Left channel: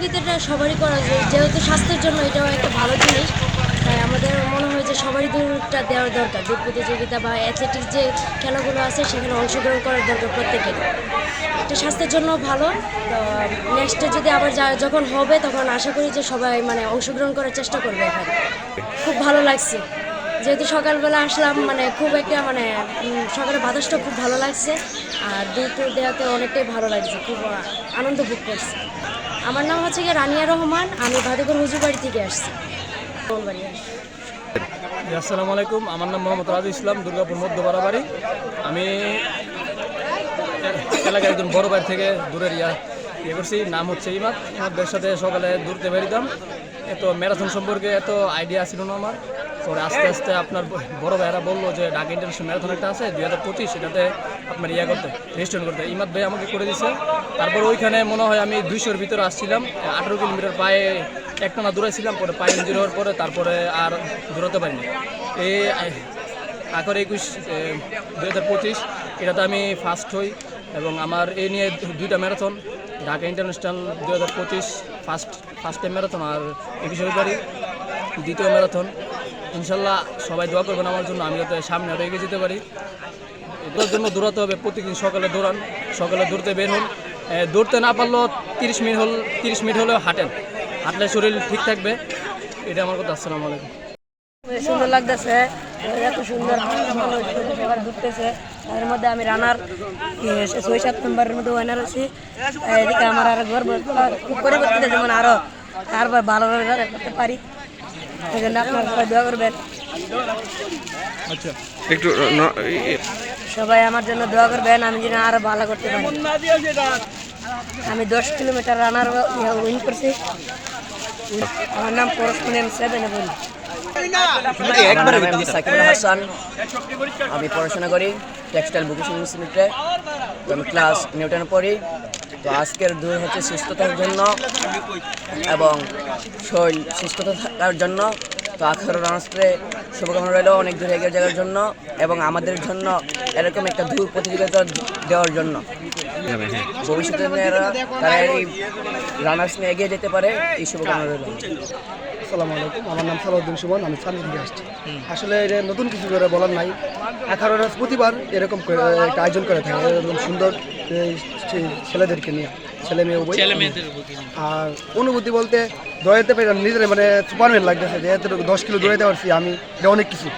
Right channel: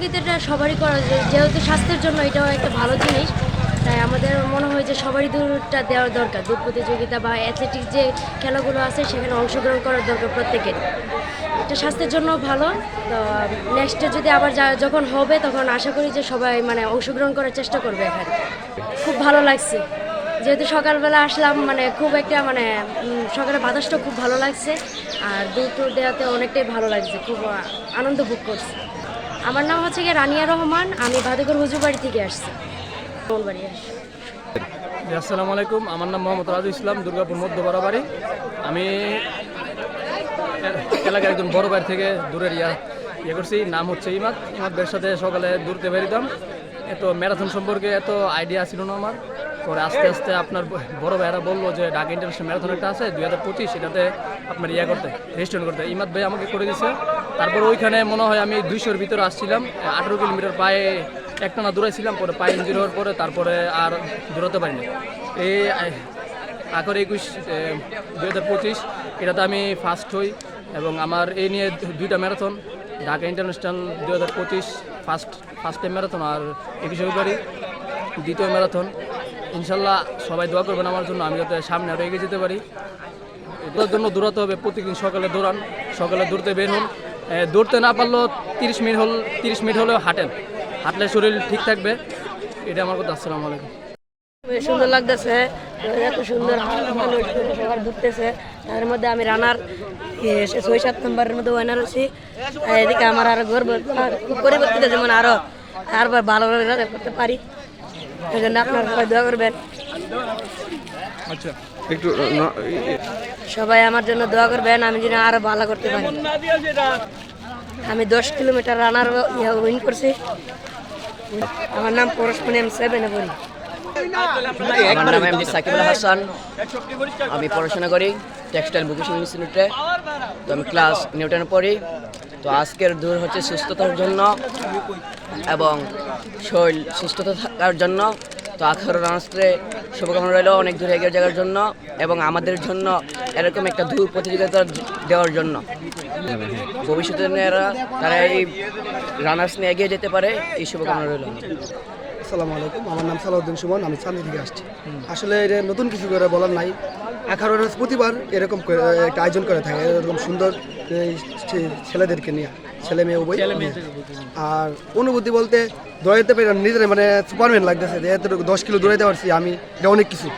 প্রতিযোগিতাটা সবারই করা যায়, যেহেতু স্বাস্থ্যের জন্য এটাও একটা ভালো জিনিস। তাই আমাদের মনে হয় যে সবারই দৌড়টা দেওয়ার দরকার। দৌড় প্রতিযোগিতা বা অ্যাথলেটিক্স যে খেলাগুলো আছে সেখানে অংশগ্রহণ করার দরকার প্রত্যেকের। এটা স্বাস্থ্যের জন্য ভালো। তো নেক্সটে যদি আবার যখন হবে তখন আশা করি যে সবাই মানে অংশগ্রহণ করার চেষ্টা করবে এখানে। খুব ভালো লাগছে, যেহেতু সকালবেলা আসলাম, মানে খুব একটা মানে সকালে বাতাসটা খুব ভালো লাগছে। আর দৌড় দেওয়াতে অনেকটাই ভালো লাগছে, খুব আনন্দ ভোগ করছি। আমার নাম হচ্ছে গিয়ে রানিয়া রহমান, আমি ভাদুকর হুজুরবাড়ি থেকে আসছি। আসসালামু আলাইকুম, আমার নাম মোহাম্মদ রাজু ইসলাম, দুর্গাপুর মধ্যপাড়া বাড়ি। আমি এলাকার একজন বড় ভাই থেকে দূরের ইয়ে করছি, নাম হচ্ছে ইমাদ ভাইয়ের সাথে সকালে দৌড়তে বেরিতাম। এত ম্যারাথন সম্পর্কে এত আইডিয়া ছিল না আমার। পরে আস্তে আস্তে আপনার বড় ভাইয়েরা বললো যে ঢাকা ইন্টারন্যাশনাল ম্যারাথন একটা আছে 2025, এটাতে আপনার করতে রেজিস্ট্রেশন করতে। ইমাদ ভাই আমাকে করে দিচ্ছে। তারপর ওইখানে মনে হয় আমি 200-র ভিতরে আসছিলাম, 18 কিলোমিটার পায়ে একটানা দৌড়াইছিলাম। পরে পায়ে ইঞ্জুরি হওয়ার পরে তারপরে আর দৌড়াতে পারিনি। এই 2025 এটাতে আমি ফার্স্ট হই এবং আমার এই নিয়ে 2টা marathon, Dhaka international 2025 first time marathon, আর 21 ফেব্রুয়ারি দ্বিতীয় ম্যারাথন। ইনশাল্লাহ সবাই দোয়া করবেন আমার জন্য, আমি যাতে সামনে আরও এগিয়ে যেতে পারি। এটার জন্য দৌড়াতে হবে, প্রতিদিন সকালে দৌড়ান, সকালে দৌড়তে বের হন। দৌড়তে না পারলেও 30 মিনিট হলেও হাঁটলে শরীর ঠিক থাকবে। এটা আমার কথা। আসসালামু আলাইকুম। সুন্দর লাগতেছে, এত সুন্দর সবার ঘুরতেছে। এর মধ্যে আমি রানার 6-7 নম্বরের মধ্যে ওয়ানার আছি। এদিকে আমার আরো গর্ব খুব করে করতে, যেমন আরো ভালোভাবে করতে পারি। এই জন্য আপনারা সবাই দোয়া করবেন। আচ্ছা, একটু সবাই আমার জন্য দোয়া করবেন, আমি যেন আরো ভালো করতে পারি। আমি 10 কিলোমিটার রানার উইন করছি। আমার নাম পরশমণি 7 বলি। আমার নাম এমডি সাকিবুল হাসান, আমি পড়াশোনা করি টেক্সটাইল ভোকেশনাল ইনস্টিটিউটে। তো আমি ক্লাস নিউটনে পড়ি। তো আজকের দৌড় হচ্ছে সুস্থতার জন্য এবং শরীর সুস্থতা থাকার জন্য। তো 18 রানার্সকে শুভকামনা রইল অনেক দূরে এগিয়ে যাওয়ার জন্য এবং আমাদের জন্য এরকম একটা দূর প্রতিযোগিতা দেওয়ার জন্য। ভবিষ্যতে তারা এই রানার্স নিয়ে এগিয়ে যেতে পারে, এই শুভকামনা রইল। আসসালামু আলাইকুম, আমার নাম সালাউদ্দিন সুমন, আমি চান্দন থেকে আসছি। আসলে এটা নতুন কিছু করে বলার নাই। 18 রানার্স প্রতিবার এরকম একটা আয়োজন করে থাকে, এরকম সুন্দর ছেলেদেরকে নিয়ে, ছেলে মেয়ে উভয়। আর অনুভূতি বলতে দৌড়াইতে পারি নিজের মানে সুপারম্যান লাগতেছে যে 10 কিলো দৌড়াইতে পারছি আমি, এটা অনেক কিছু।